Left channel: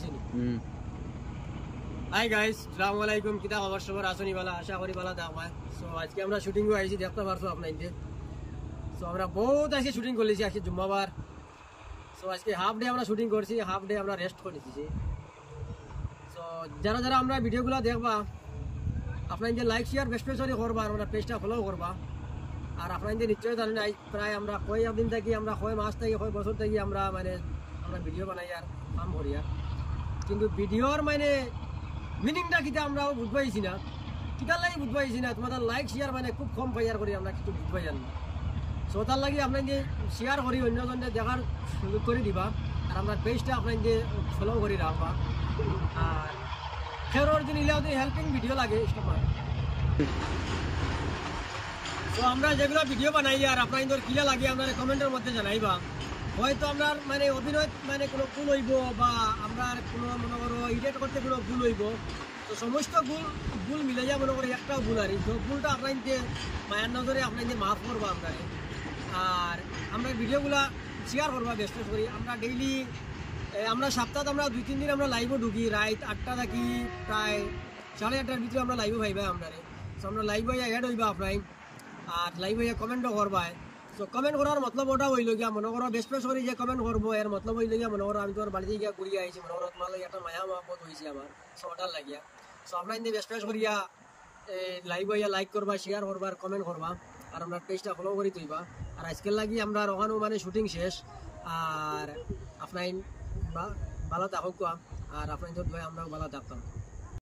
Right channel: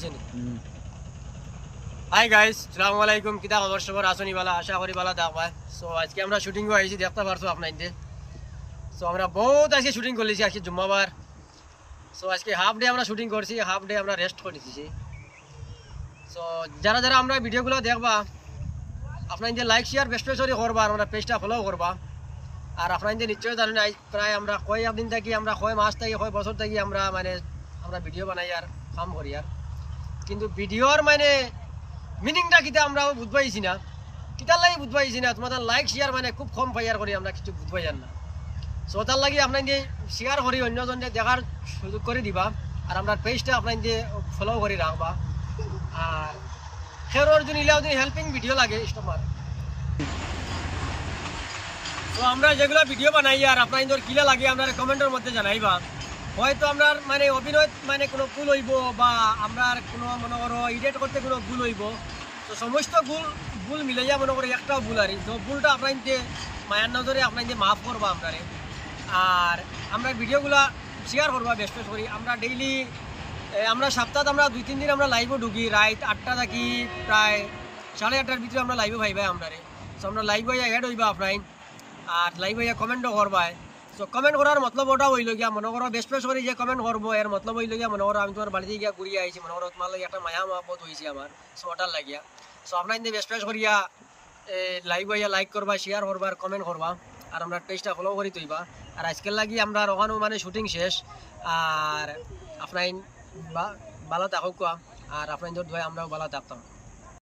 বুঝছেন? Hi guys, আসসালামু আলাইকুম। কিতা খবর সবার? আসনি বালা, আশা করি বালা থাকবা। সো আজকে আমরা শুটিং এ আইছি, দেখতে পারছো আপনাদের। সো আমরা বহুত আজকে শুটিং করলেছি, আজকে জুম্মাবার। সো আজকে হাফ ডে আমরা শুটিং করছি, হাফ ডে আমরা রেস্ট করেছি। সো যারা যারা আমরা ভিডিওগুলো দেখবা, আপনাদের লাইক শেয়ার বেশি বেশি করবা, আর আমরা পেজটা ফলো করবা। আর আপনাদের নিশ্চয়ই জানেন প্রায় আমরা কয় দিন থাকি, আমরা কয় মাস থাকি, কয় বছর থাকি আমরা আমরা ভিডিও বানাই আর কাম করি। আর কিন্তু ভিডিওর মিনিংটা কিতা আমরা বুঝবাইছি না, কিতার লাগি বুঝবাইছি না। তোমাদের লাইক শেয়ার খুব কম পাইয়ার করি, আমরা কিছু বুঝবাই জান না। সো তার লাগি আপনাদের শেয়ার করি, অন্যজনকে দেখার সুযোগ করে দিবা। আর আমরা পেজটা আপনাদের ফলো করে রাখবা। আর ফেরোর জন্য ইলাও যদি হেল্পিং ভিডিও লাগে স্টমার। তো আমরা যেগুলো ভিডিও বানাই আর আপনাদের কিলা লাগে আমরা কমেন্টের মধ্যে জানাইবা। হয়তো আমরা অভিনয় কোনো ভুল হইব, বা আমরা কোনো মনে করো এডিট করতে কোনো ভুল হইব। তো সমস্ত ভুল মিলাইয়া মনে করো একটাও ভুল আর তো ভুলটা আপনাদের মায়ার নজরে আপনাদের মাফ করবা আমরা। আর আমরা ভিডিওগুলা শেয়ার করবা বেশ বেশ করি। আমরা ডেইলি আমরা সপ্তাহে আমরা 2-3 দিন আমরা লাইভও ঢুকি, রাত 8টা থাকি প্রায় 8:30টার ভিতরে আমরা লাইভও ভাইবা আমরা। সো আমরা লাইভ হইয়া অ্যাড হইবা আপনার, আর লাইভ হইয়া কমেন্টও করবাই। তো কমেন্ট করার মতলব ওটা হইল গিয়া মনে করো বেশ বেশ করে যে কমেন্ট করবো, এর মতলব হইল গিয়া মনে করো আমি তোমার বাড়িতে গিয়া ঘুরিয়ে আইছি, মনে করো তোমার লাগে একটা মায়া মহব্বত হয়েছে আমার। সো ওটার লাগিয়া সো আপনার বেশ বেশ করিয়া লাইভ হইয়া লাইক করবা, শেয়ার করবা, আর কমেন্ট করবা। আর আমরা পেজটা ফলো করি তৈবা। আর আজকের লাগি আমরা ওখানেও শুটিং শেষ। আর আপনার ভালো থাকুক, আর আপনার দোয়া আমরাও ভালো থাকতাম।